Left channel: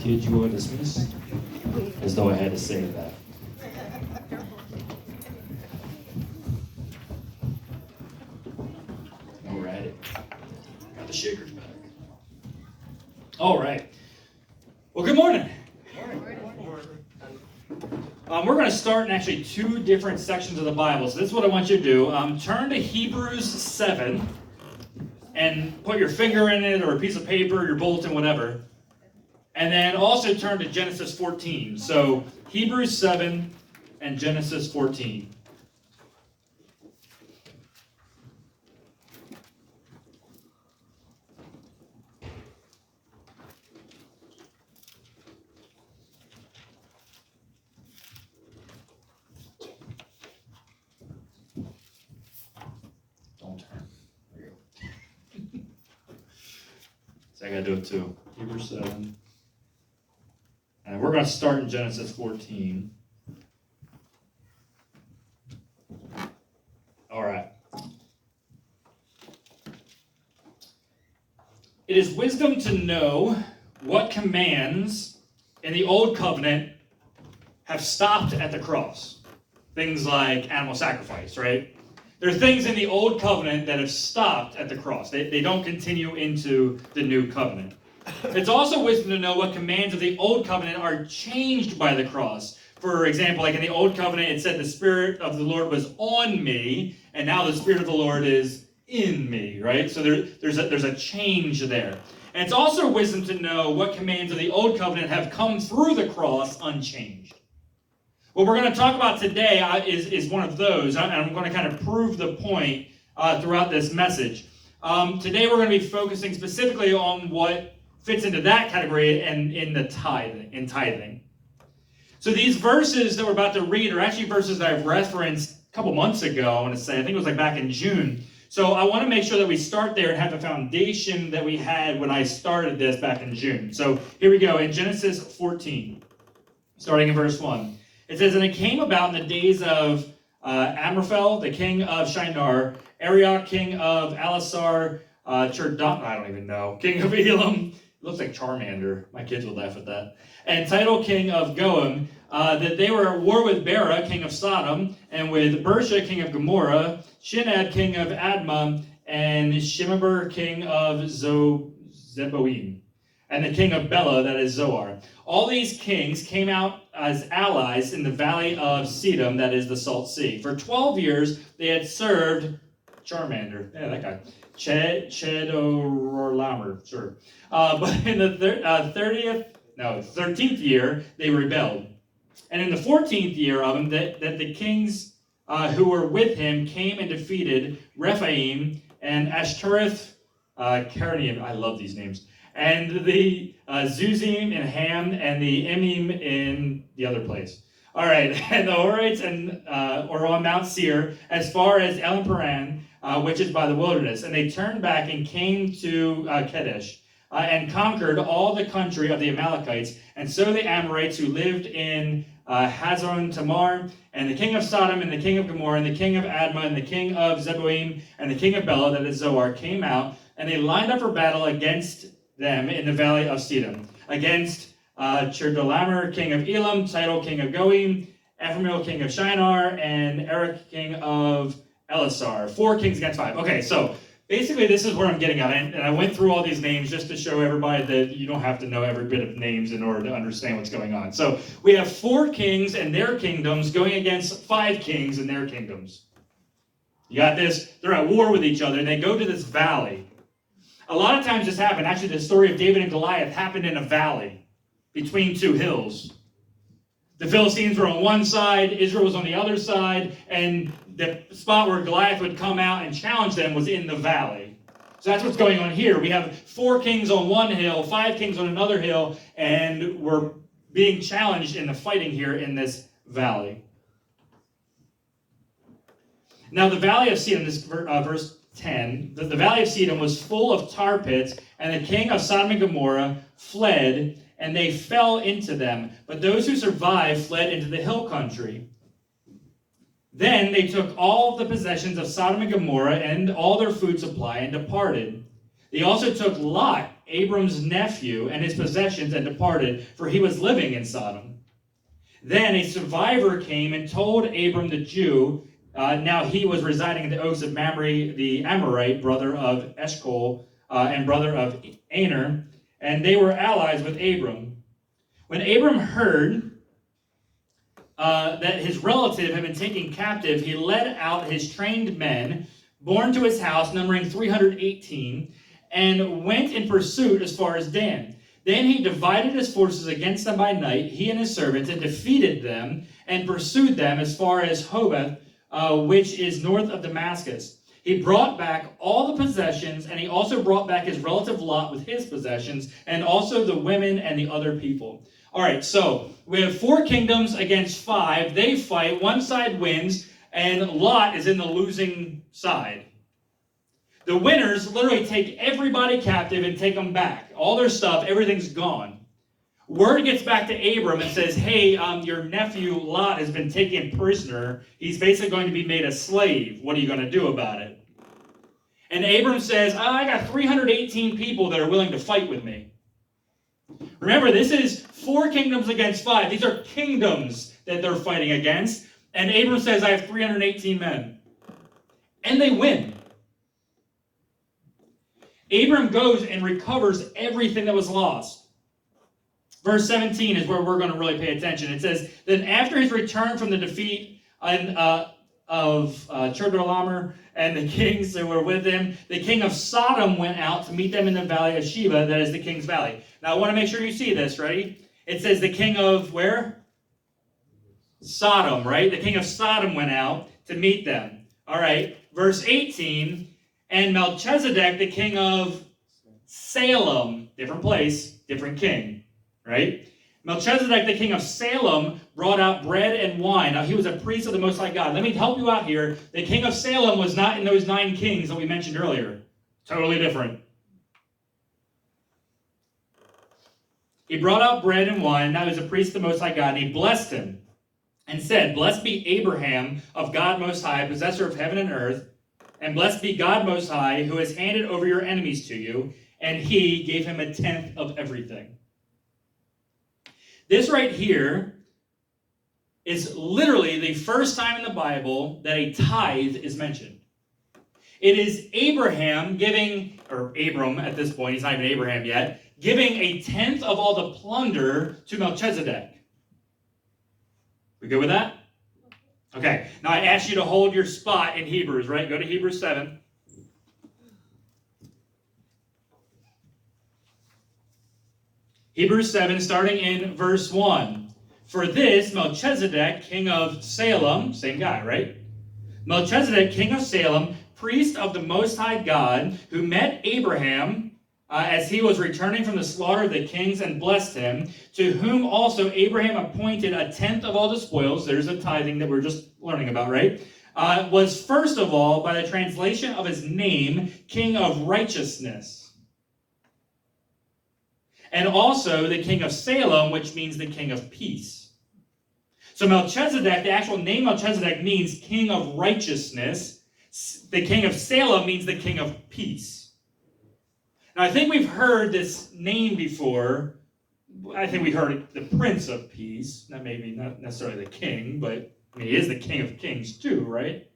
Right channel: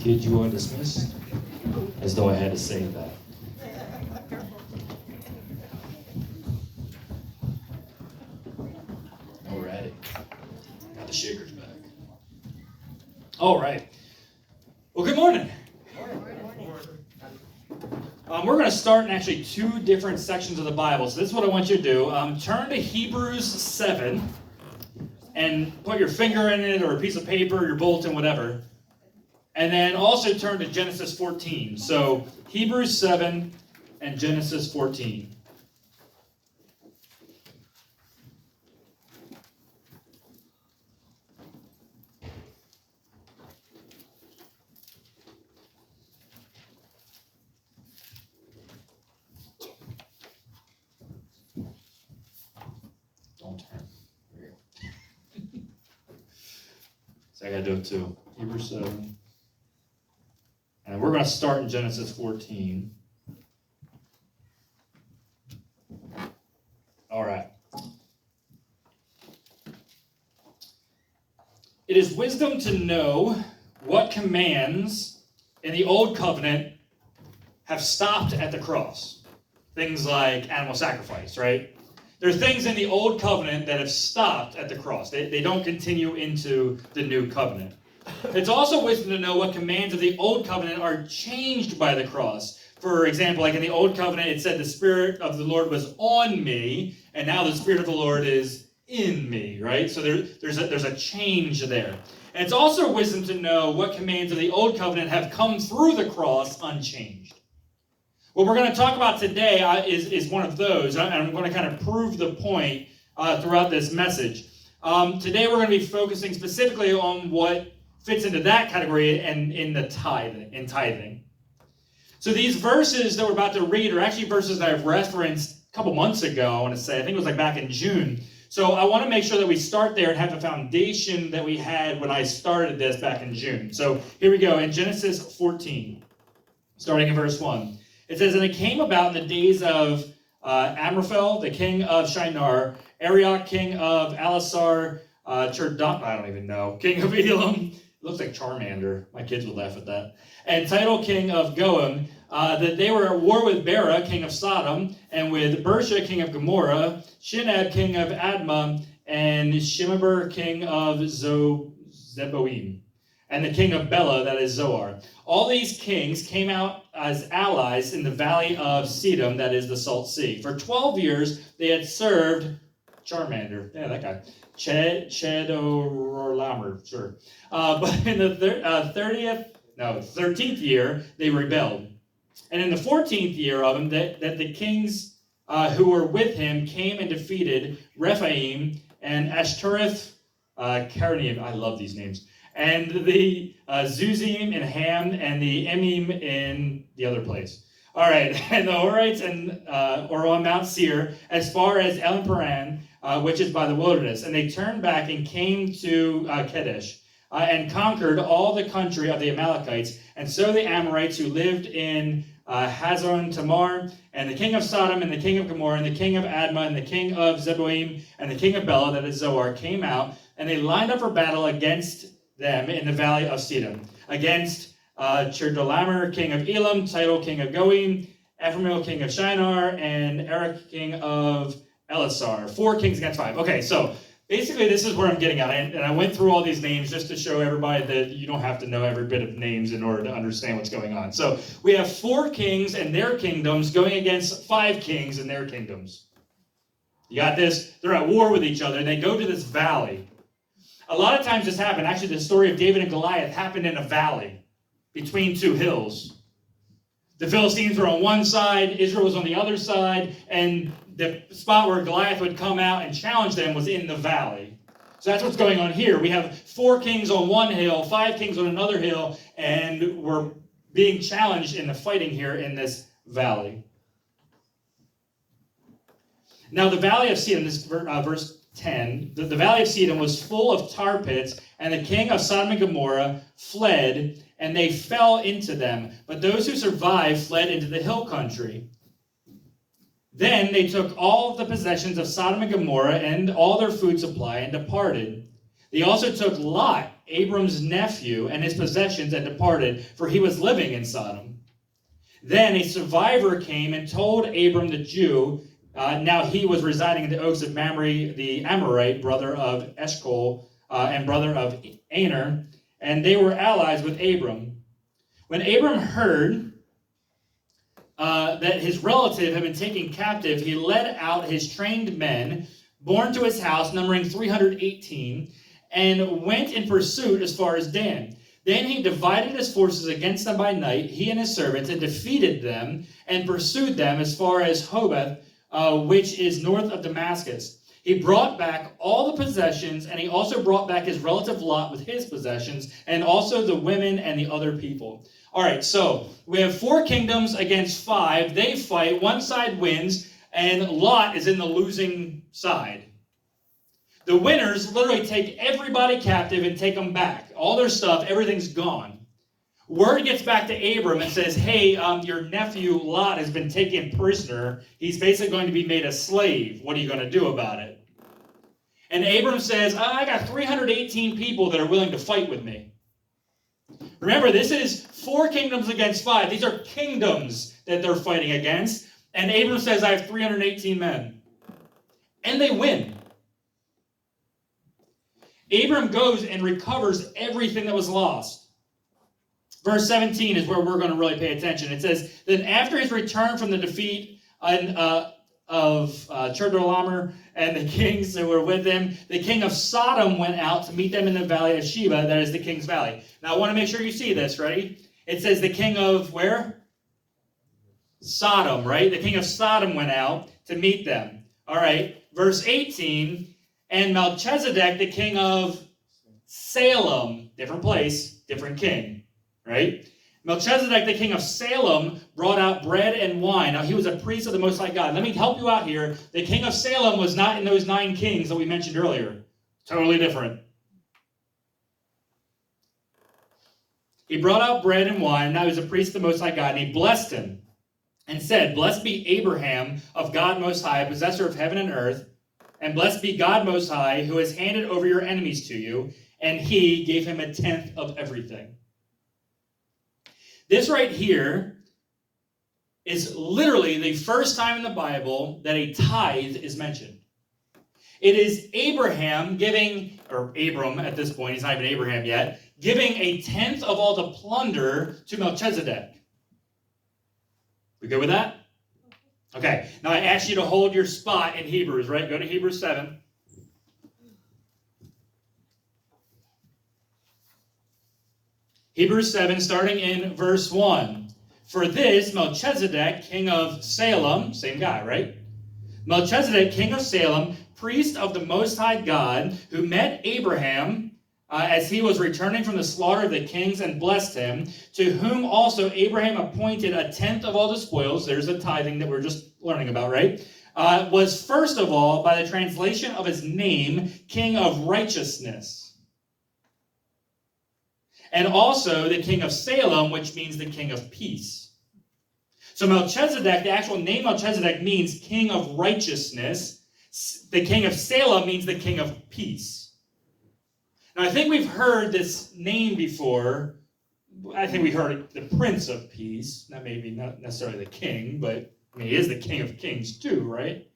Kids, you are dismissed. As though I had to say that. All right. Got the shakers back. All right. Well, good morning. We're going to start in actually two different sections of the Bible. So this is what I want you to do. Turn to Hebrews 7 and put your finger in it or a piece of paper, your bulletin, whatever. And then also turn to Genesis 14. So Hebrews 7 and Genesis 14. Don't turn. There you go. So I got to do it too. Hebrews 7. And we're going to start in Genesis 14. All right. It is wisdom to know what commands in the Old Covenant have stopped at the cross. Things like animal sacrifice, right? There are things in the Old Covenant that have stopped at the cross. They don't continue into the New Covenant. It's also wisdom to know what commands of the Old Covenant are changed by the cross. For example, like in the Old Covenant, it said the Spirit of the Lord was on me, and now the Spirit of the Lord is in me, right? So there's a change there. And it's also wisdom to know what commands of the Old Covenant have come through the cross unchanged. What we're going to talk about today is one of those, and I'm going to kind of prove the point throughout this message. Today we're going to be focusing specifically on what fits into that category and in tithing. So these verses that we're about to read are actually verses that I've referenced a couple months ago, I want to say. I think it was like back in June. So I want to make sure that we start there and have the foundation that we had when I started this back in June. So here we go in Genesis 14, starting in verse 1. It says, "And it came about in the days of Amraphel, the king of Shinar, Arioch, king of Elasar, I don't even know, king of Elam." Looks like Charmander. My kids would laugh at that. "And Tidal, king of Goim, that they were at war with Bera, king of Sodom, and with Bersha, king of Gomorrah, Shinab, king of Admah, and Shemeber, king of Zeboim, and the king of Bela, that is Zoar. All these kings came out as allies in the valley of Sedom, that is the Salt Sea. For 12 years they had served Charmander." Yeah, that guy. Chedorlaomer, sure. But in the 13th year, they rebelled. And in the 14th year of him, that the kings who were with him came and defeated Rephaim and Ashtoreth, Carnaim, I love these names, and the Zuzim and Ham and the Emim in the other place. All right, and the Horites or on Mount Seir, as far as Elim Paran, which is by the wilderness. And they turned back and came to Kadesh and conquered all the country of the Amalekites. And so the Amorites who lived in Hazon Tamar, and the king of Sodom, and the king of Gomorrah, and the king of Admah, and the king of Zeboim, and the king of Bela, that is Zoar, came out, and they lined up for battle against them in the valley of Sedom, against Chedorlaomer, king of Elam, Tidal, king of Goim, Ephraim, king of Shinar, and Eric, king of Elasar. 4 kings against 5. Okay, so basically this is where I'm getting at. And I went through all these names just to show everybody that you don't have to know every bit of names in order to understand what's going on. So we have 4 kings and their kingdoms going against 5 kings and their kingdoms. You got this? They're at war with each other, and they go to this valley. A lot of times this happened. Actually, the story of David and Goliath happened in a valley between 2 hills. The Philistines were on one side, Israel was on the other side, and the spot where Goliath would come out and challenge them was in the valley. So that's what's going on here. We have 4 kings on one hill, 5 kings on another hill, and we're being challenged in the fighting here in this valley. Now the valley of Sedom, this verse 10, the valley of Sedom was full of tar pits, and the king of Sodom and Gomorrah fled, and they fell into them. But those who survived fled into the hill country. Then they took all of the possessions of Sodom and Gomorrah and all their food supply and departed. They also took Lot Abram's nephew and his possessions and departed, for he was living in Sodom. Then a survivor came and told Abram the Jew, now he was residing in the oaks of Mamre the Amorite, brother of Eshcol, and brother of Aner, and they were allies with Abram. When Abram heard that his relative had been taken captive, he led out his trained men, born to his house, numbering 318, and went in pursuit as far as Dan. Then he divided his forces against them by night, he and his servants, and defeated them, and pursued them as far as Hobeth, which is north of Damascus. He brought back all the possessions, and he also brought back his relative Lot with his possessions, and also the women and the other people. All right, so we have 4 kingdoms against 5. They fight. One side wins, and Lot is in the losing side. The winners literally take everybody captive and take them back. All their stuff, everything's gone. Word gets back to Abram and says, hey, your nephew Lot has been taken prisoner. He's basically going to be made a slave. What are you going to do about it? And Abram says, I got 318 people that are willing to fight with me. Remember, this is 4 kingdoms against 5. These are kingdoms that they're fighting against. And Abram says, I have 318 men. And they win. Abram goes and recovers everything that was lost. Verse 17 is where we're going to really pay attention. It says, then after his return from the defeat of Chedorlaomer and the kings that were with him, the king of Sodom went out to meet them in the valley of Sheba, that is the king's valley. Now I want to make sure you see this, ready? It says the king of where? Sodom, right? The king of Sodom went out to meet them. All right, verse 18, and Melchizedek, the king of Salem, different place, different king, right? Melchizedek, the king of Salem, brought out bread and wine. Now, he was a priest of the Most High God. Let me help you out here. The king of Salem was not in those 9 kings that we mentioned earlier. Totally different. He brought out bread and wine. Now he was a priest of the Most High God, and he blessed him and said, blessed be Abraham of God Most High, possessor of heaven and earth, and blessed be God Most High, who has handed over your enemies to you, and he gave him 1/10 of everything. This right here is literally the first time in the Bible that a tithe is mentioned. It is Abraham giving, or Abram at this point, he's not even Abraham yet, giving 1/10 of all the plunder to Melchizedek. We good with that? Okay, now I ask you to hold your spot in Hebrews, right? Go to Hebrews 7. Hebrews 7, starting in verse 1. For this, Melchizedek, king of Salem, same guy, right? Melchizedek, king of Salem, priest of the Most High God, who met Abraham as he was returning from the slaughter of the kings and blessed him, to whom also Abraham appointed 1/10 of all the spoils, there's the tithing that we're just learning about, right? Was first of all, by the translation of his name, king of righteousness. And also the king of Salem, which means the king of peace. So Melchizedek, the actual name Melchizedek means king of righteousness. The king of Salem means the king of peace. Now, I think we've heard this name before. I think we heard it, the Prince of Peace. That may be not necessarily the king, but I mean, he is the King of Kings too, right?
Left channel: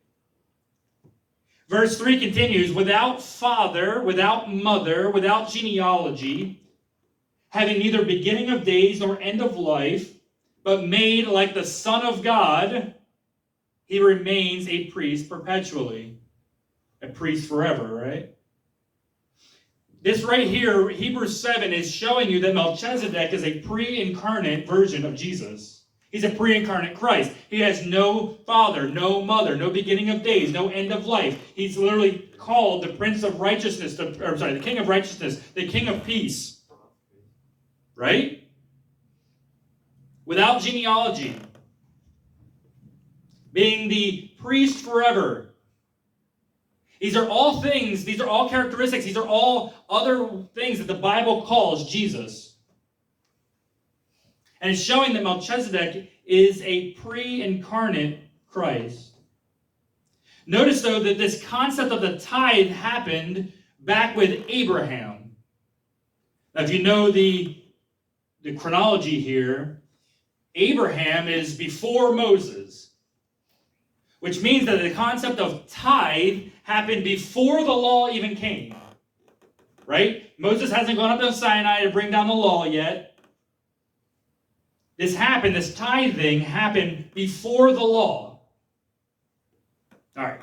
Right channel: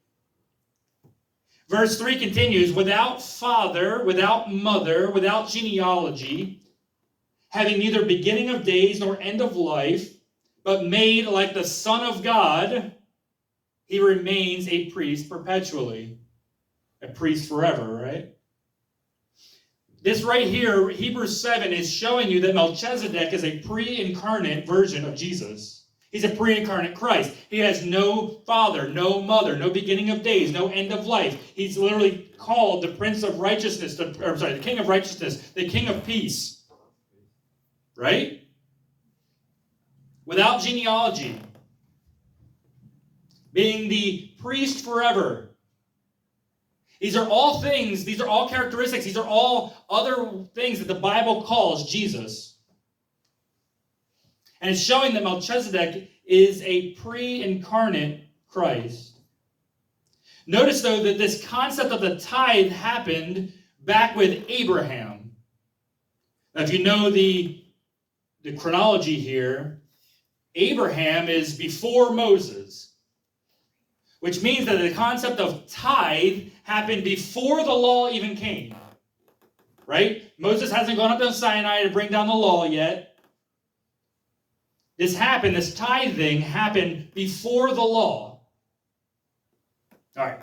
Verse 3 continues, without father, without mother, without genealogy, having neither beginning of days nor end of life, but made like the Son of God, he remains a priest perpetually. A priest forever, right? This right here, Hebrews 7, is showing you that Melchizedek is a pre-incarnate version of Jesus. He's a pre-incarnate Christ. He has no father, no mother, no beginning of days, no end of life. He's literally called the Prince of Righteousness, the King of Righteousness, the King of Peace. Right? Without genealogy. Being the priest forever. These are all things, these are all characteristics, these are all other things that the Bible calls Jesus. And it's showing that Melchizedek is a pre-incarnate Christ. Notice, though, that this concept of the tithe happened back with Abraham. Now, if you know the chronology here, Abraham is before Moses, which means that the concept of tithe happened before the law even came. Right? Moses hasn't gone up to Sinai to bring down the law yet. This tithing happened before the law. All right.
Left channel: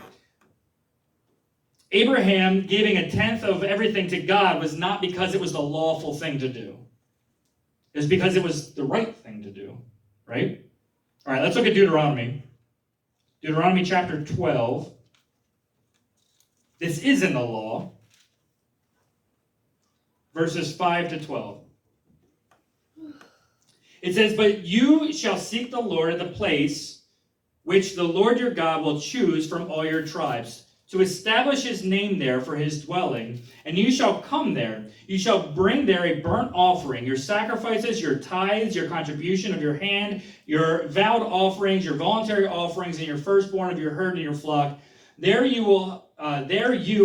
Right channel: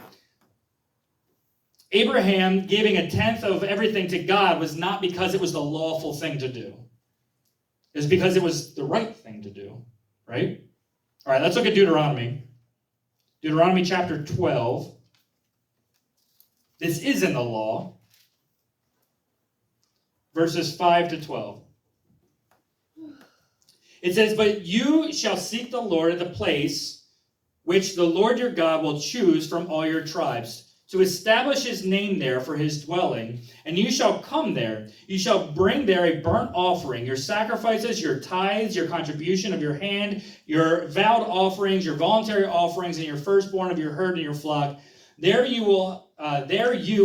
Abraham giving a tenth of everything to God was not because it was the lawful thing to do. It was because it was the right thing to do. Right? All right, let's look at Deuteronomy. Deuteronomy chapter 12. This is in the law. Verses 5 to 12. It says, "But you shall seek the Lord at the place which the Lord your God will choose from all your tribes, to establish his name there for his dwelling. And you shall come there. You shall bring there a burnt offering, your sacrifices, your tithes, your contribution of your hand, your vowed offerings, your voluntary offerings, and your firstborn of your herd and your flock. There you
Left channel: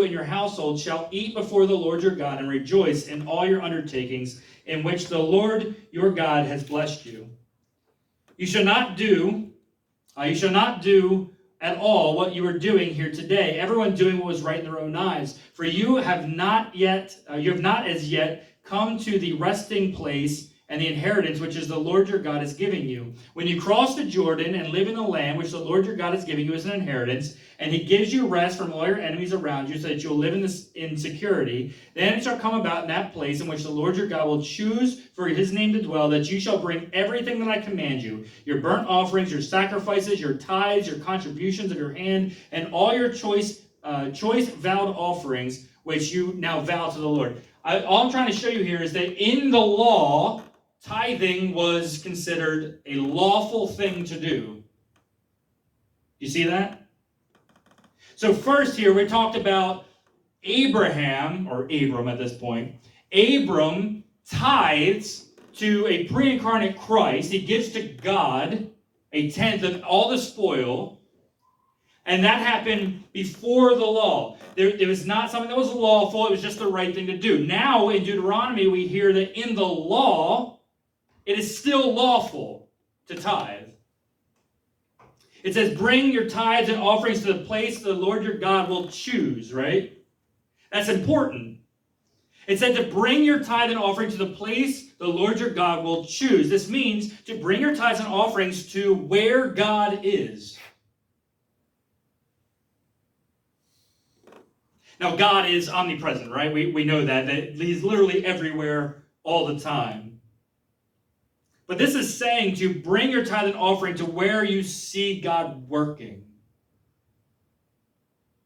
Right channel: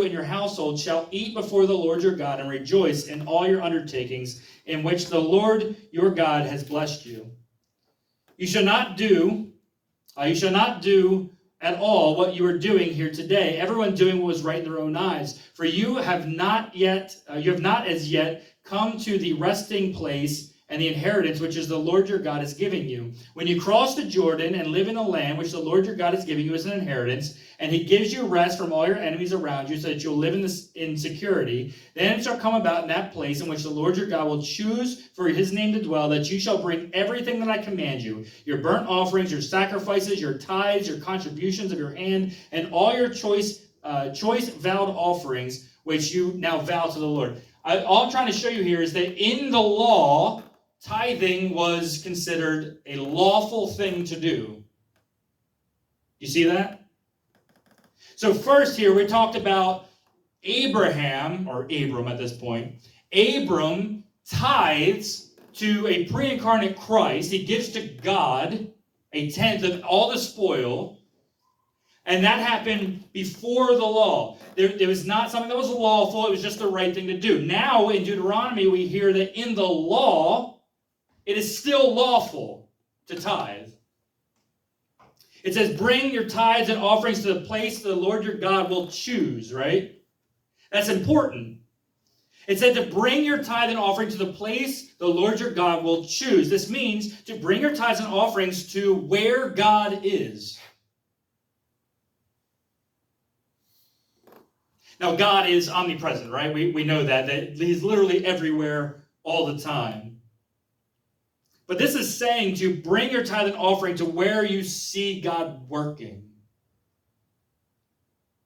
and your household shall eat before the Lord your God and rejoice in all your undertakings in which the Lord your God has blessed you. You shall not do at all what you are doing here today, everyone doing what was right in their own eyes. For you have not as yet come to the resting place and the inheritance which is the Lord your God is giving you. When you cross the Jordan and live in the land which the Lord your God is giving you as an inheritance, and he gives you rest from all your enemies around you so that you'll live in security, then it shall come about in that place in which the Lord your God will choose for his name to dwell, that you shall bring everything that I command you, your burnt offerings, your sacrifices, your tithes, your contributions of your hand, and all your choice vowed offerings, which you now vow to the Lord." All I'm trying to show you here is that in the law, tithing was considered a lawful thing to do. You see that? So first here, we talked about Abraham, or Abram at this point. Abram tithes to a pre-incarnate Christ. He gives to God a tenth of all the spoil. And that happened before the law. There was not something that was lawful. It was just the right thing to do. Now, in Deuteronomy, we hear that in the law, it is still lawful to tithe. It says, "Bring your tithes and offerings to the place the Lord your God will choose," right? That's important. It said to bring your tithe and offering to the place the Lord your God will choose. This means to bring your tithes and offerings to where God is. Now, God is omnipresent, right? We know that he's literally everywhere all the time. But this is saying to bring your tithe and offering to where you see God working.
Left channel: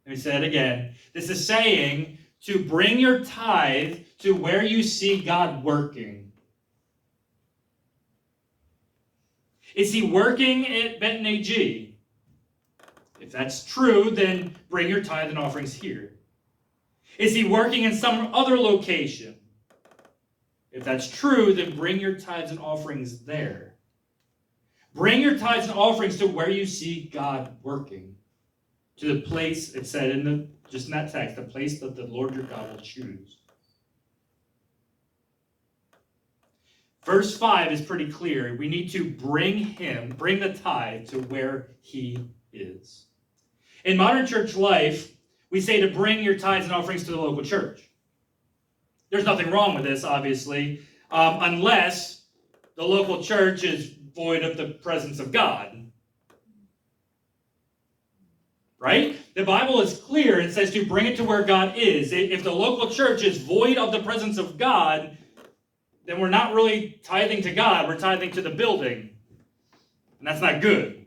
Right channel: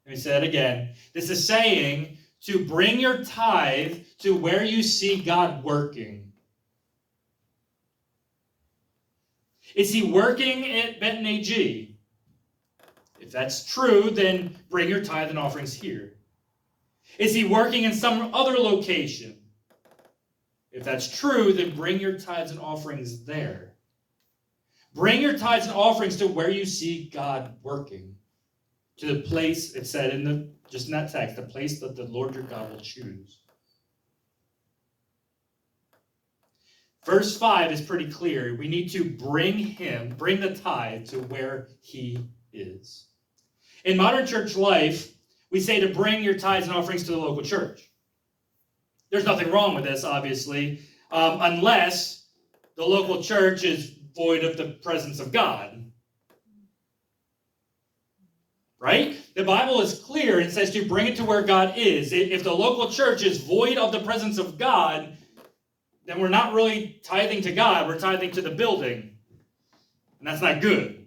Let me say it again. This is saying to bring your tithe to where you see God working. Is he working at Benton AG? If that's true, then bring your tithe and offerings here. Is he working in some other location? If that's true, then bring your tithes and offerings there. Bring your tithes and offerings to where you see God working. To the place, it said just in that text, the place that the Lord your God will choose. Verse 5 is pretty clear. We need to bring the tithe to where he is. In modern church life, we say to bring your tithes and offerings to the local church. There's nothing wrong with this, obviously, unless the local church is void of the presence of God. Right? The Bible is clear. It says to bring it to where God is. If the local church is void of the presence of God, then we're not really tithing to God. We're tithing to the building. And that's not good.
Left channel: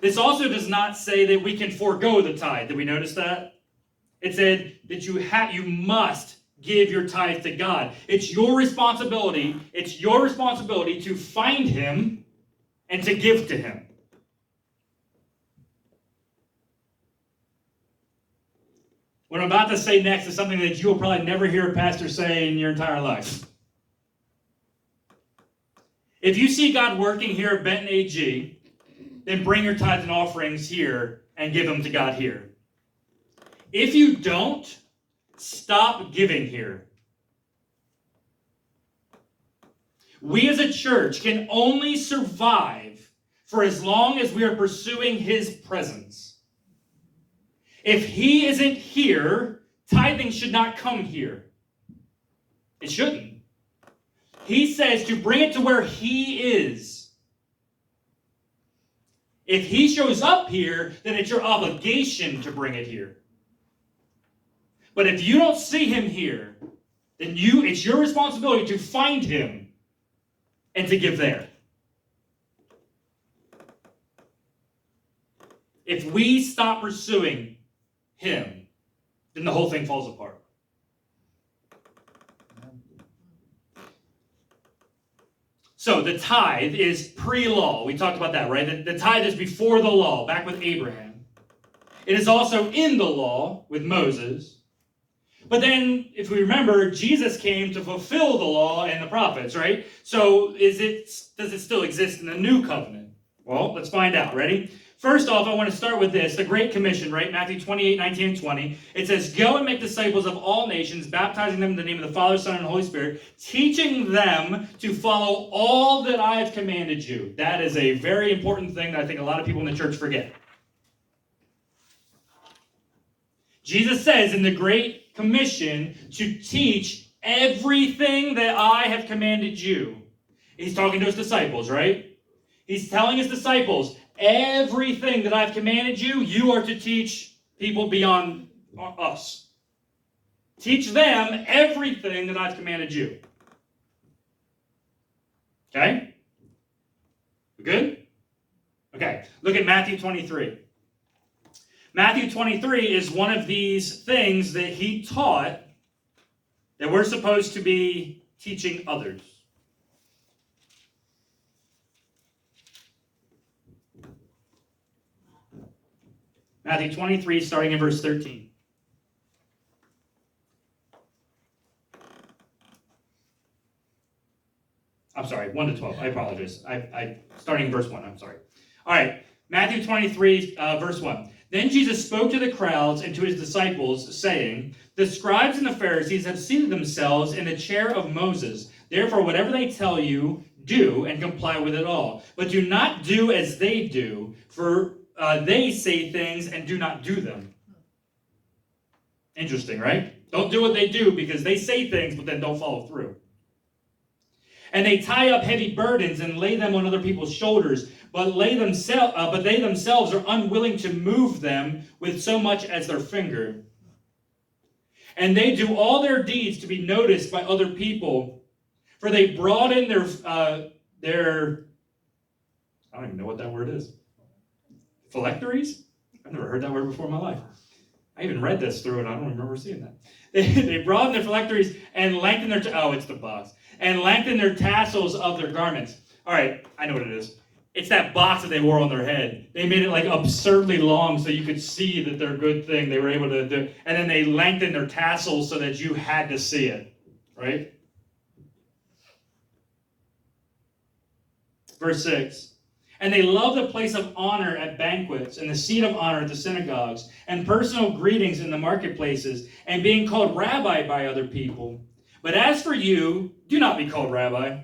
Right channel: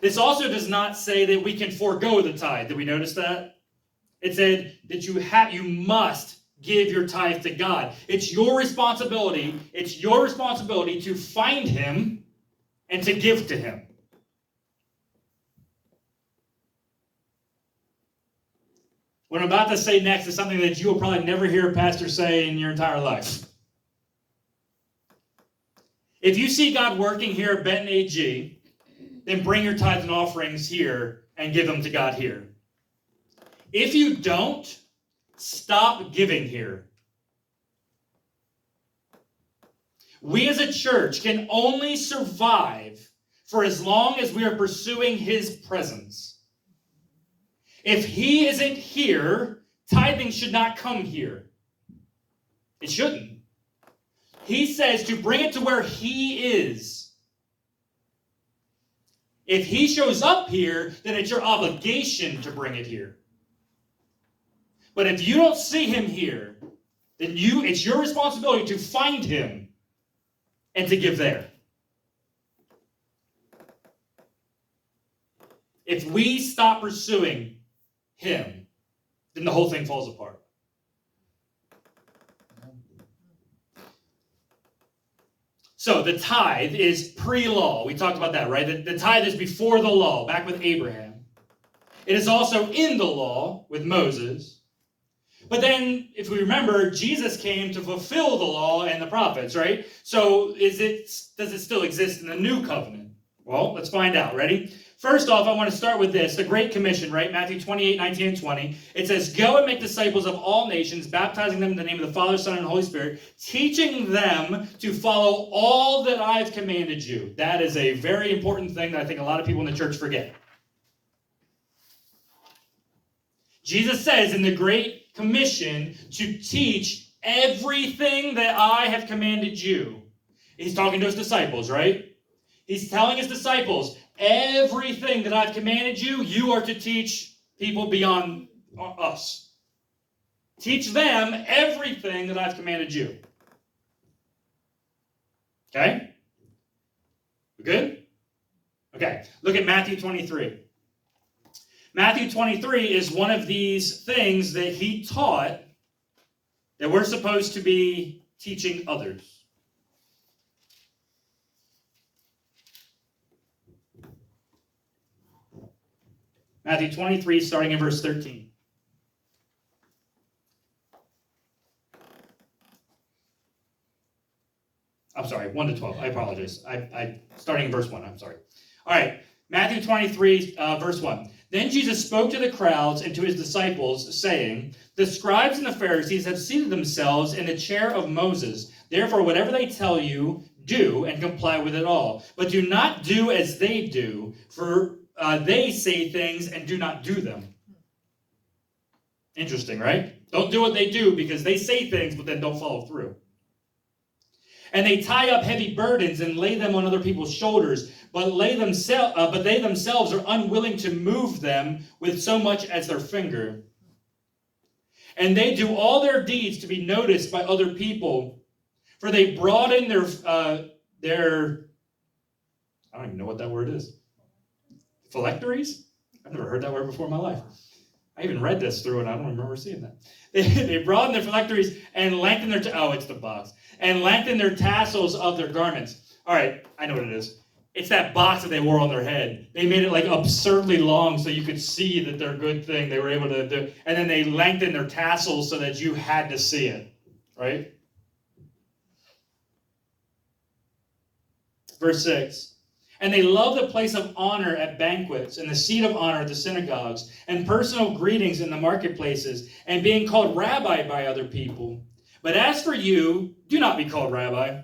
This also does not say that we can forego the tithe. Did we notice that? It said that you must give your tithe to God. It's your responsibility. It's your responsibility to find him and to give to him. What I'm about to say next is something that you will probably never hear a pastor say in your entire life. If you see God working here at Benton AG, then bring your tithes and offerings here and give them to God here. If you don't, stop giving here. We as a church can only survive for as long as we are pursuing his presence. If he isn't here, tithing should not come here. It shouldn't. He says to bring it to where he is. If he shows up here, then it's your obligation to bring it here. But if you don't see him here, then it's your responsibility to find him and to give there. If we stop pursuing him, then the whole thing falls apart. So the tithe is pre-law. We talked about that, right? The tithe is before the law, back with Abraham. It is also in the law with Moses. But then, if we remember, Jesus came to fulfill the law and the prophets, right? So does it still exist in the new covenant? Well, let's find out. Ready? First off, I want to start with this, the Great Commission, right? Matthew 28, 19, and 20. It says, go and make disciples of all nations, baptizing them in the name of the Father, Son, and Holy Spirit, teaching them to follow all that I have commanded you. That is a very important thing that I think a lot of people in the church forget. Jesus says in the Great Commission to teach everything that I have commanded you. He's talking to his disciples, right? He's telling his disciples, everything that I've commanded you, you are to teach people beyond us. Teach them everything that I've commanded you. Okay? We good? Okay. Look at Matthew 23. Matthew 23 is one of these things that he taught that we're supposed to be teaching others. Matthew 23, starting in verse 13. I'm sorry, 1 to 12. I apologize. Starting in verse 1, I'm sorry. All right, Matthew 23, verse 1. Then Jesus spoke to the crowds and to his disciples, saying, the scribes and the Pharisees have seated themselves in the chair of Moses. Therefore, whatever they tell you, do and comply with it all. But do not do as they do, for they say things and do not do them. Interesting, right? Don't do what they do because they say things but then don't follow through. And they tie up heavy burdens and lay them on other people's shoulders, but they themselves are unwilling to move them with so much as their finger. And they do all their deeds to be noticed by other people, for they broaden their I don't even know what that word is. Phylacteries? I've never heard that word before in my life. I even read this through and I don't remember seeing that. They broaden their phylacteries and lengthen their it's the box. And lengthen their tassels of their garments. All right, I know what it is. It's that box that they wore on their head. They made it like absurdly long so you could see that their good thing they were able to do. And then they lengthened their tassels so that you had to see it. Right? Verse 6. And they love the place of honor at banquets, and the seat of honor at the synagogues, and personal greetings in the marketplaces, and being called rabbi by other people. But as for you, do not be called rabbi,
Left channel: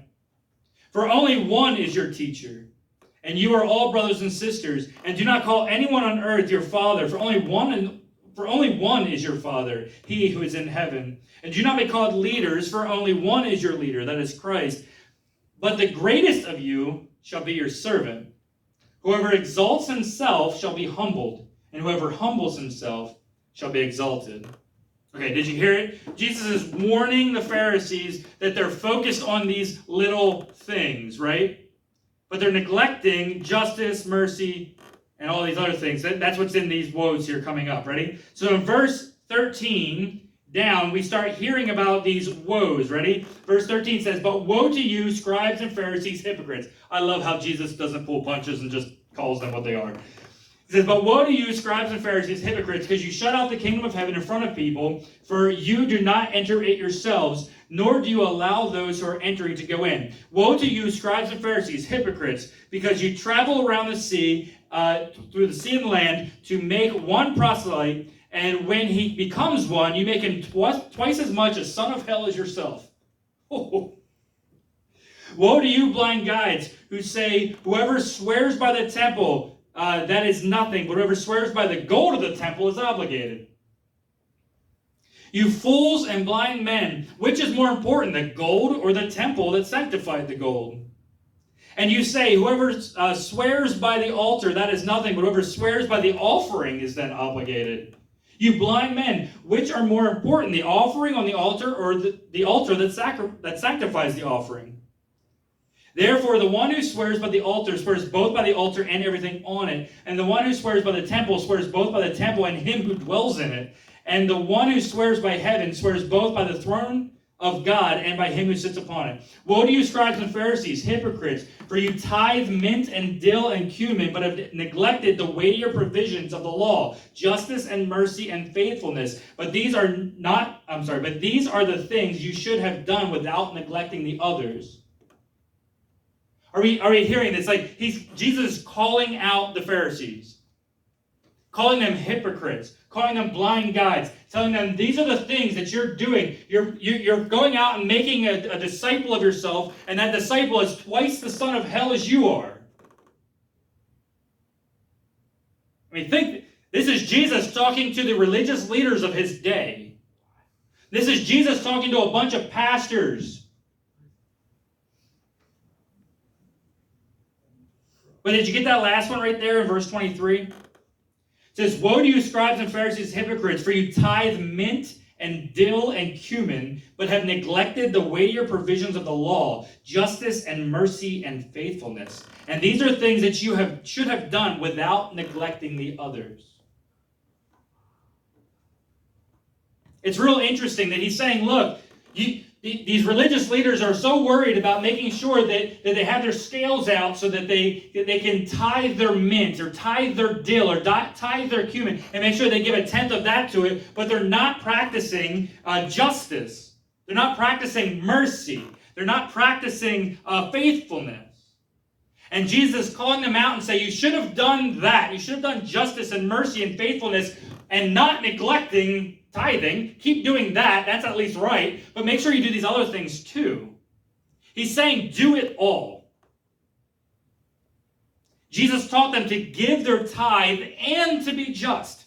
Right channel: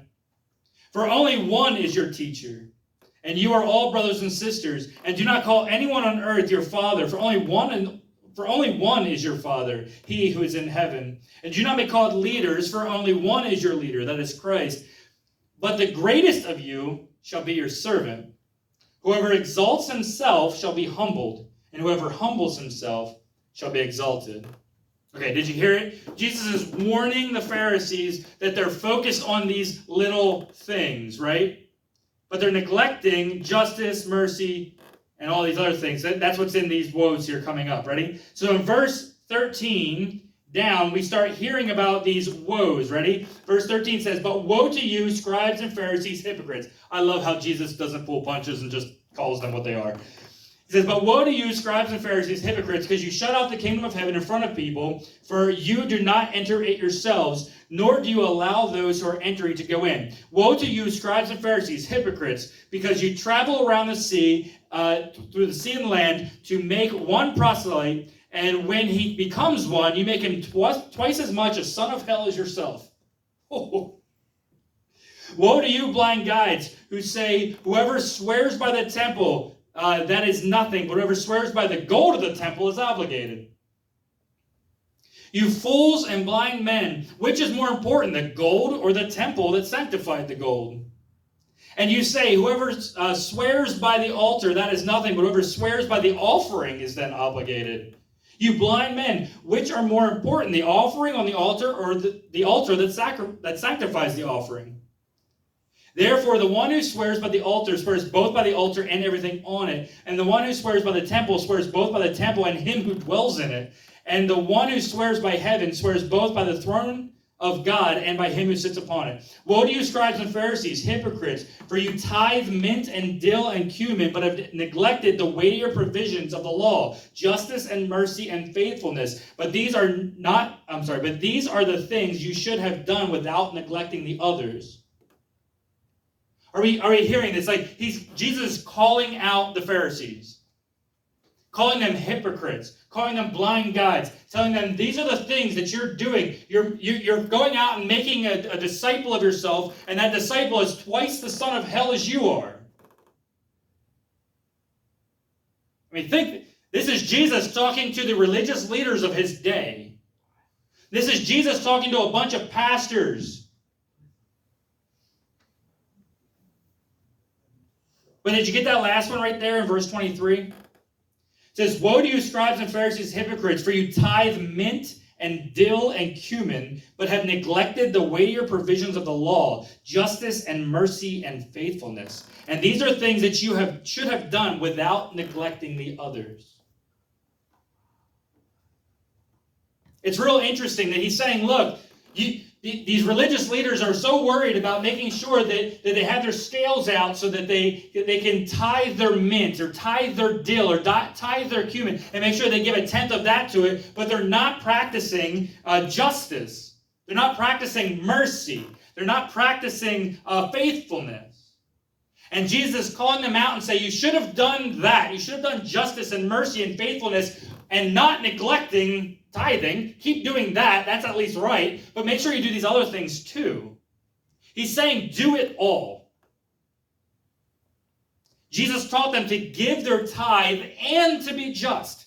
for only one is your teacher, and you are all brothers and sisters, and do not call anyone on earth your father, for only one is your Father, he who is in heaven. And do not be called leaders, for only one is your leader, that is Christ. But the greatest of you shall be your servant. Whoever exalts himself shall be humbled, and whoever humbles himself shall be exalted. Okay, did you hear it? Jesus is warning the Pharisees that they're focused on these little things, right? But they're neglecting justice, mercy, and all these other things. That's what's in these woes here coming up. Ready? So in verse 13 down, we start hearing about these woes. Ready? Verse 13 says, but woe to you, scribes and Pharisees, hypocrites. I love how Jesus doesn't pull punches and just calls them what they are. He says, but woe to you, scribes and Pharisees, hypocrites, because you shut out the kingdom of heaven in front of people, for you do not enter it yourselves, nor do you allow those who are entering to go in. Woe to you, scribes and Pharisees, hypocrites, because you travel around the sea, through the sea and land, to make one proselyte, And when he becomes one, you make him twice as much a son of hell as yourself. Oh. Woe to you, blind guides, who say, whoever swears by the temple, that is nothing, but whoever swears by the gold of the temple is obligated. You fools and blind men, which is more important, the gold or the temple that sanctified the gold? And you say, whoever swears by the altar, that is nothing, but whoever swears by the offering is then obligated. You blind men, which are more important, the offering on the altar or the altar that sanctifies the offering? Therefore, the one who swears by the altar swears both by the altar and everything on it. And the one who swears by the temple swears both by the temple and him who dwells in it. And the one who swears by heaven swears both by the throne of God and by him who sits upon it. Woe to you, scribes and Pharisees, hypocrites, for you tithe mint and dill and cumin, but have neglected the weightier provisions of the law, justice and mercy and faithfulness. But these are the things you should have done without neglecting the others. Are we hearing this? Like Jesus is calling out the Pharisees, calling them hypocrites, calling them blind guides, telling them these are the things that you're doing. You're going out and making a disciple of yourself, and that disciple is twice the son of hell as you are. I mean, this is Jesus talking to the religious leaders of his day. This is Jesus talking to a bunch of pastors. But did you get that last one right there in verse 23? It says, woe to you, scribes and Pharisees, hypocrites, for you tithe mint and dill and cumin, but have neglected the weightier provisions of the law, justice and mercy and faithfulness. And these are things that you should have done without neglecting the others. It's real interesting that he's saying, look, these religious leaders are so worried about making sure that they have their scales out so that they can tithe their mint or tithe their dill or tithe their cumin and make sure they give a tenth of that to it, but they're not practicing justice. They're not practicing mercy. They're not practicing faithfulness. And Jesus is calling them out and saying, you should have done that. You should have done justice and mercy and faithfulness and not neglecting tithing. Keep doing that. That's at least right. But make sure you do these other things too. He's saying do it all. Jesus taught them to give their tithe and to be just.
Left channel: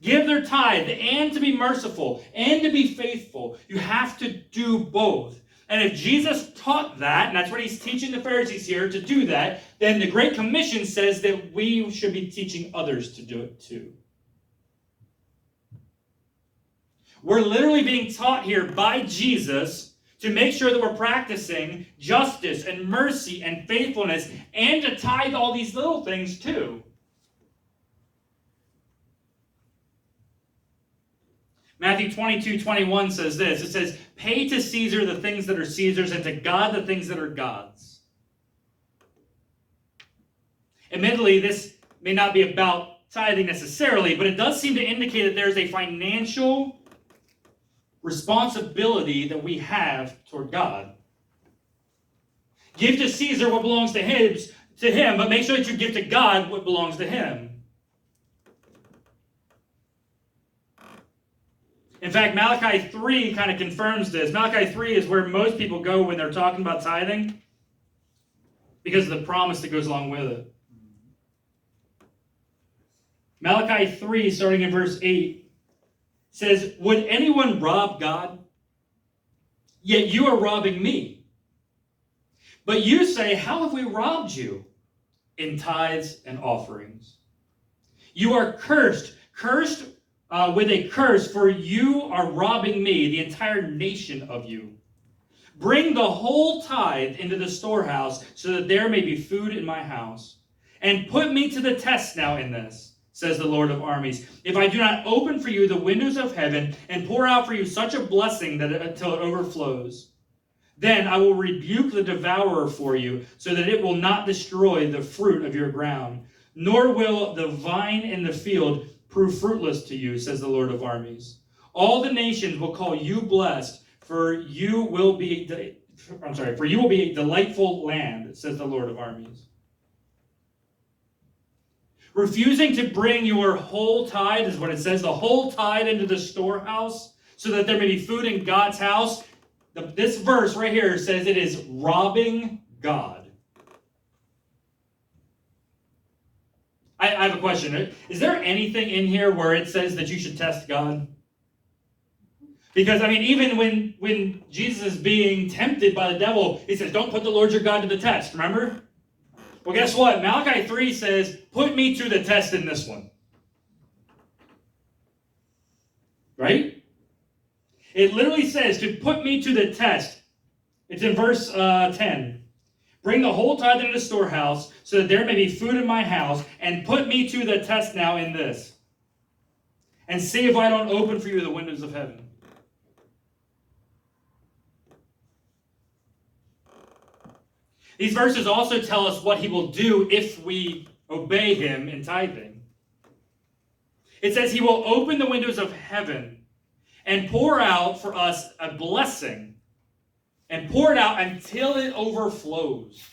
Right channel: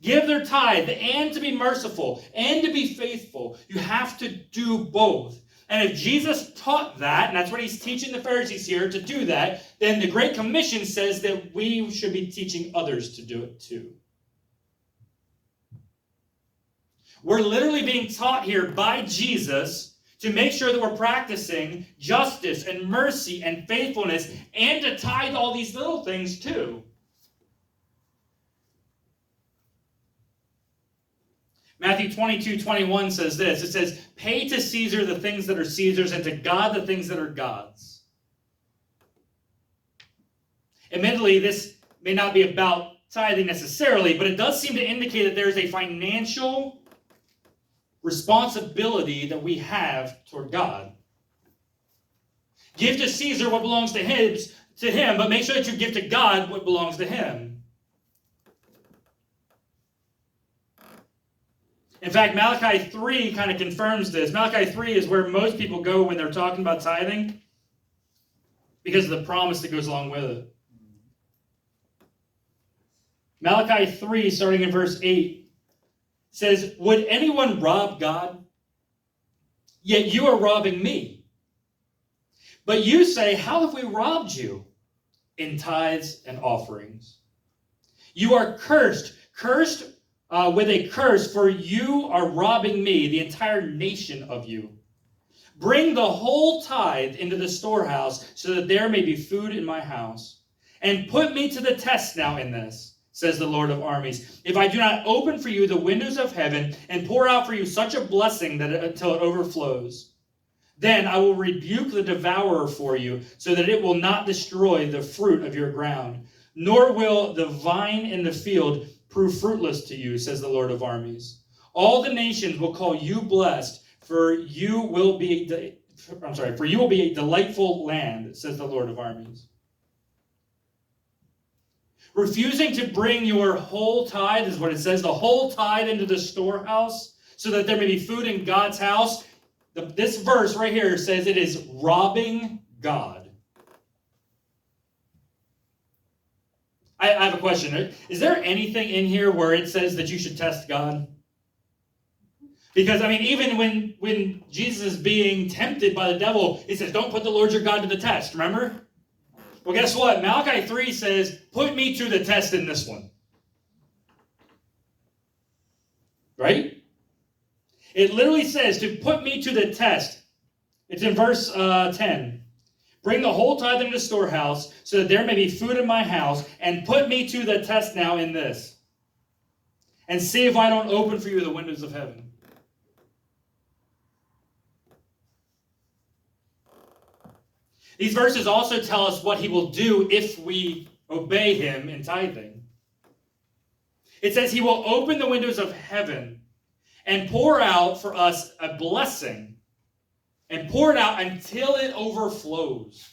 Give their tithe and to be merciful and to be faithful. You have to do both. And if Jesus taught that, and that's what he's teaching the Pharisees here to do that, then the Great Commission says that we should be teaching others to do it too. We're literally being taught here by Jesus to make sure that we're practicing justice and mercy and faithfulness and to tithe all these little things too. Matthew 22:21 says this. It says, pay to Caesar the things that are Caesar's and to God the things that are God's. Admittedly, this may not be about tithing necessarily, but it does seem to indicate that there's a financial responsibility that we have toward God. Give to Caesar what belongs to him, but make sure that you give to God what belongs to him. In fact, Malachi 3 kind of confirms this. Malachi 3 is where most people go when they're talking about tithing because of the promise that goes along with it. Malachi 3, starting in verse 8, says, would anyone rob God? Yet you are robbing me. But you say, how have we robbed you? In tithes and offerings. You are cursed with a curse, for you are robbing me, the entire nation of you. Bring the whole tithe into the storehouse, so that there may be food in my house. And put me to the test now in this, says the Lord of armies, if I do not open for you the windows of heaven and pour out for you such a blessing until it overflows. Then I will rebuke the devourer for you, so that it will not destroy the fruit of your ground, nor will the vine in the field prove fruitless to you, says the Lord of armies. All the nations will call you blessed, for you will be a delightful land, says the Lord of armies. refusing to bring your whole tithe, is what it says, the whole tithe into the storehouse, so that there may be food in God's house. This verse right here says it is robbing God. I have a question. Is there anything in here where it says that you should test God? Because, even when Jesus is being tempted by the devil, he says, don't put the Lord your God to the test, remember? Well, guess what? Malachi 3 says, put me to the test in this one. Right? It literally says to put me to the test. It's in verse 10. Bring the whole tithe into the storehouse, so that there may be food in my house, and put me to the test now in this. And see if I don't open for you the windows of heaven. These verses also tell us what he will do if we obey him in tithing. It says he will open the windows of heaven and pour out for us a blessing, and pour it out until it overflows.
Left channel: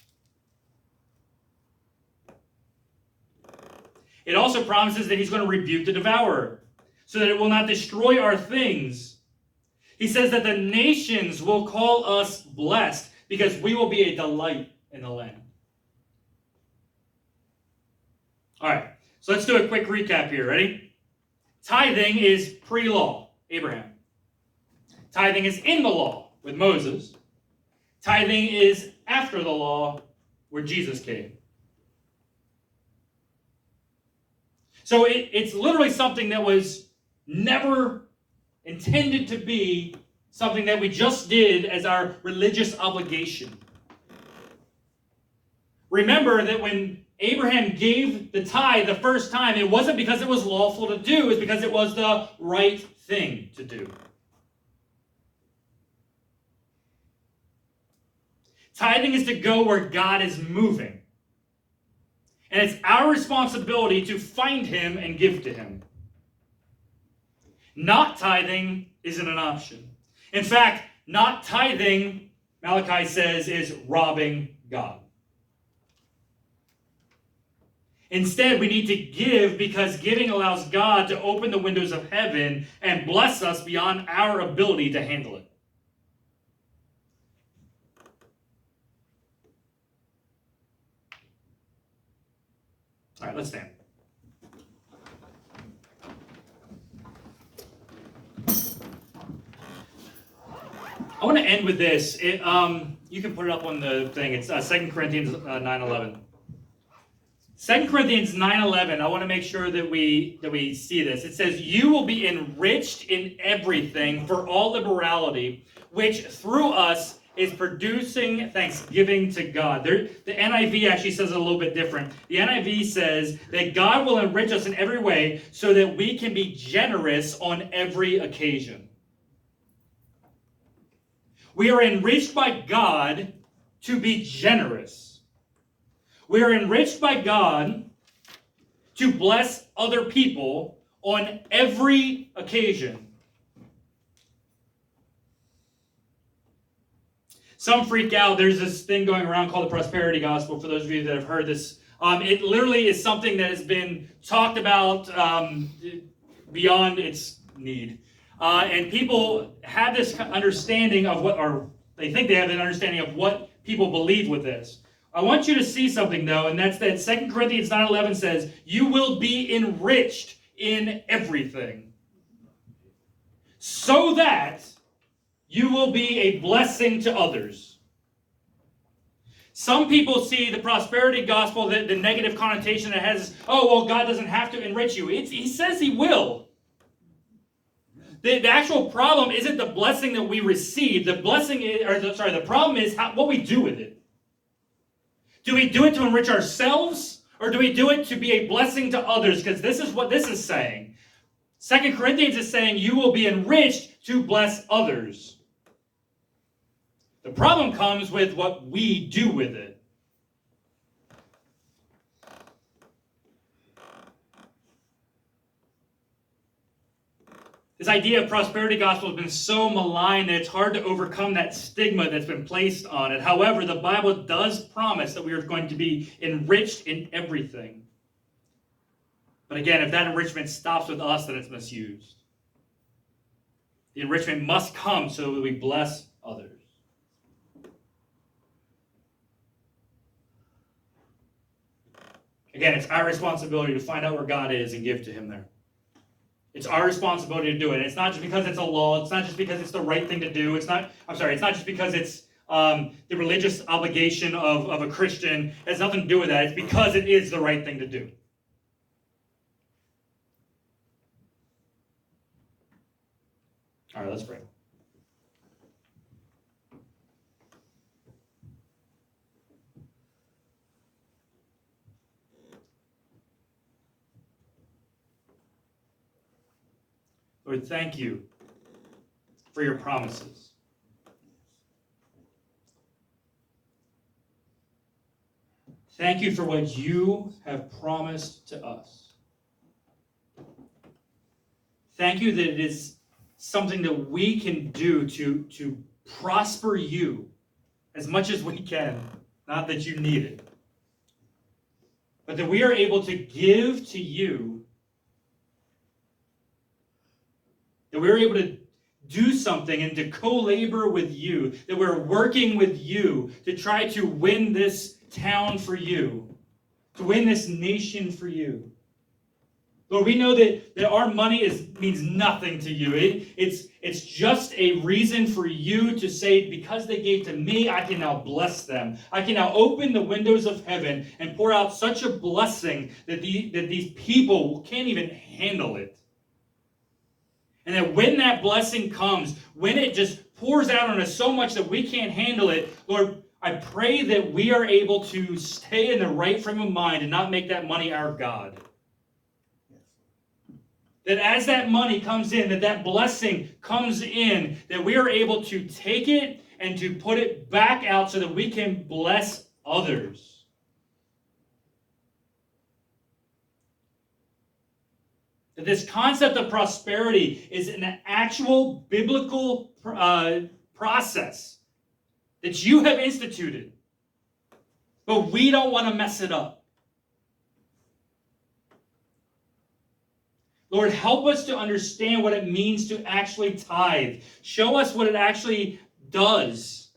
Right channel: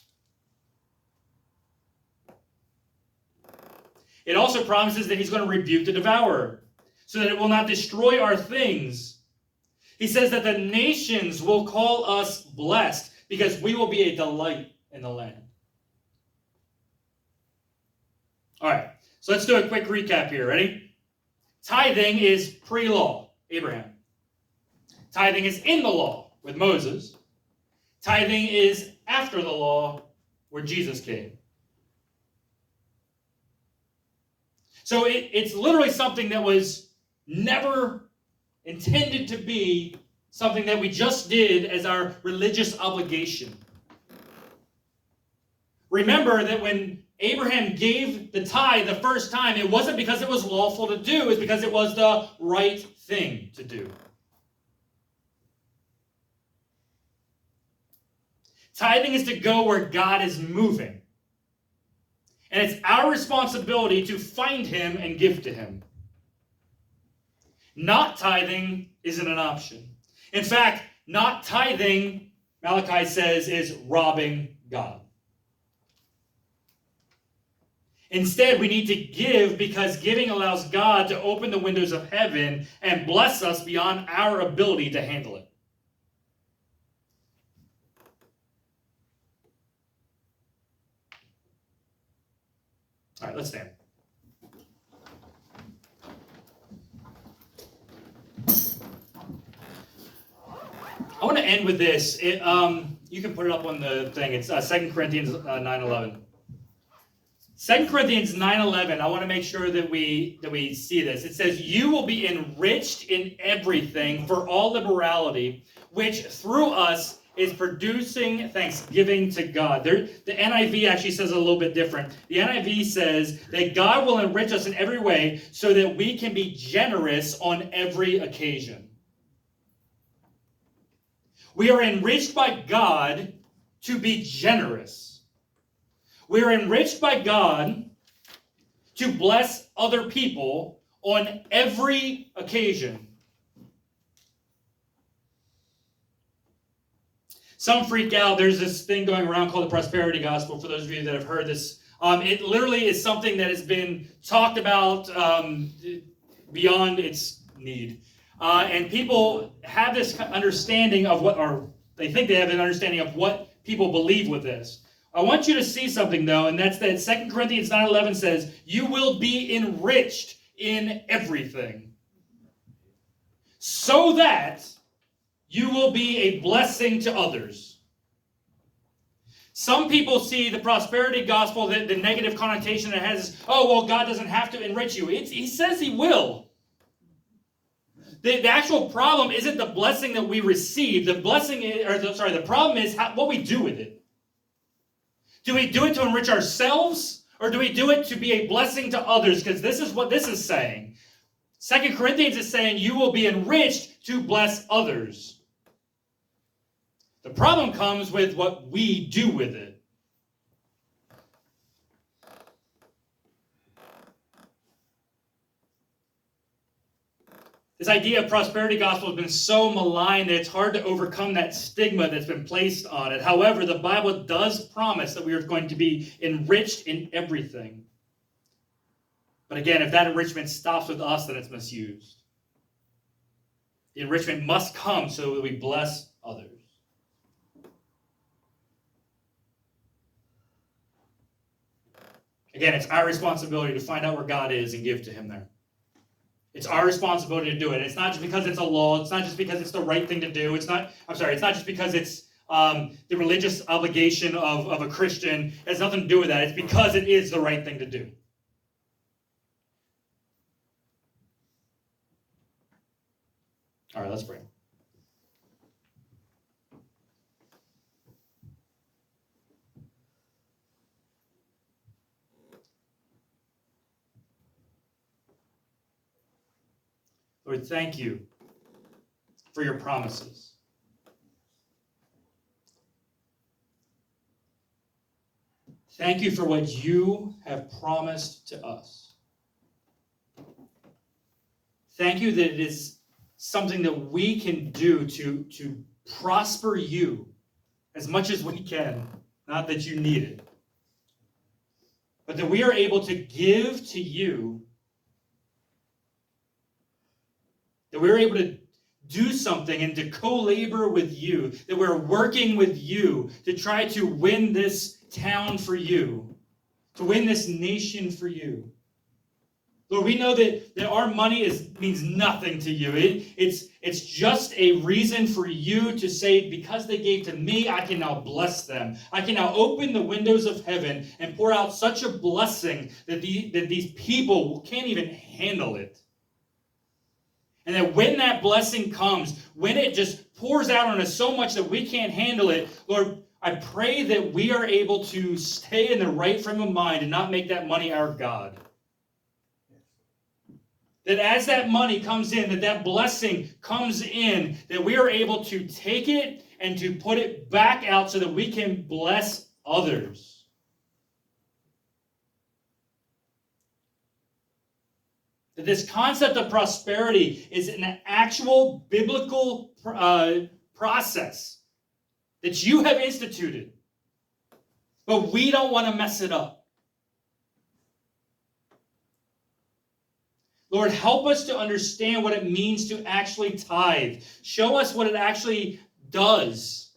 It also promises that he's going to rebuke the devourer, so that it will not destroy our things. He says that the nations will call us blessed, because we will be a delight in the land. All right, so let's do a quick recap here. Ready? Tithing is pre-law, Abraham. Tithing is in the law with Moses. Tithing is after the law where Jesus came. So it's literally something that was never intended to be something that we just did as our religious obligation. Remember that when Abraham gave the tithe the first time, it wasn't because it was lawful to do, it was because it was the right thing to do. Tithing is to go where God is moving. And it's our responsibility to find him and give to him. Not tithing isn't an option. In fact, not tithing, Malachi says, is robbing God. Instead, we need to give because giving allows God to open the windows of heaven and bless us beyond our ability to handle it. All right, let's stand. I want to end with this. You can put it up on the thing. It's 2 Corinthians 9:11. 2 Corinthians 9:11, I want to make sure that we see this. It says, you will be enriched in everything for all liberality, which through us is producing thanksgiving to God. The NIV actually says a little bit different. The NIV says that God will enrich us in every way so that we can be generous on every occasion. We are enriched by God to be generous. We are enriched by God to bless other people on every occasion. Some freak out. There's this thing going around called the prosperity gospel, for those of you that have heard this. It literally is something that has been talked about beyond its need. And people have this understanding of they think they have an understanding of what people believe with this. I want you to see something, though, and that's that 2 Corinthians 9:11 says, you will be enriched in everything, so that you will be a blessing to others. Some people see the prosperity gospel, the negative connotation it has, God doesn't have to enrich you. He says he will. The actual problem isn't the blessing that we receive. The problem is what we do with it. Do we do it to enrich ourselves, or do we do it to be a blessing to others? Because this is what this is saying. 2 Corinthians is saying you will be enriched to bless others. The problem comes with what we do with it. This idea of prosperity gospel has been so maligned that it's hard to overcome that stigma that's been placed on it. However, the Bible does promise that we are going to be enriched in everything. But again, if that enrichment stops with us, then it's misused. The enrichment must come so that we bless others. Again, it's our responsibility to find out where God is and give to him there. It's our responsibility to do it. And it's not just because it's a law. It's not just because it's the right thing to do. It's not just because it's the religious obligation of a Christian. It has nothing to do with that. It's because it is the right thing to do. All right, let's pray. Lord, thank you for your promises. Thank you for what you have promised to us. Thank you that it is something that we can do to prosper you as much as we can. Not that you need it, but that we are able to give to you, that we're able to do something and to co-labor with you, that we're working with you to try to win this town for you, to win this nation for you. Lord, we know that our money means nothing to you. It's just a reason for you to say, because they gave to me, I can now bless them. I can now open the windows of heaven and pour out such a blessing that these people can't even handle it. And that when that blessing comes, when it just pours out on us so much that we can't handle it, Lord, I pray that we are able to stay in the right frame of mind and not make that money our God. That as that money comes in, that blessing comes in, that we are able to take it and to put it back out so that we can bless others. That this concept of prosperity is an actual biblical process that you have instituted, but we don't want to mess it up. Lord, help us to understand what it means to actually tithe. Show us what it actually does.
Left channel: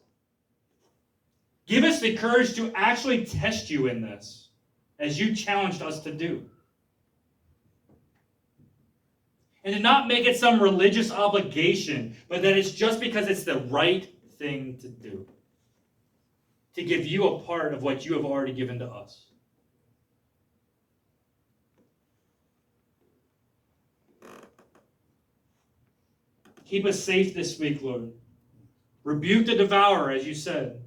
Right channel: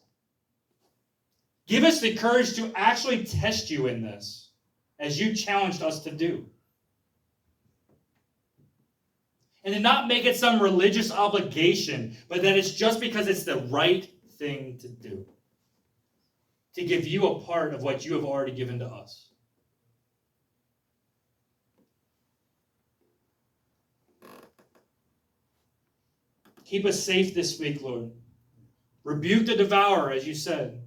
Give us the courage to actually test you in this, as you challenged us to do. And to not make it some religious obligation, but that it's just because it's the right thing to do. To give you a part of what you have already given to us. Keep us safe this week, Lord. Rebuke the devourer, as you said.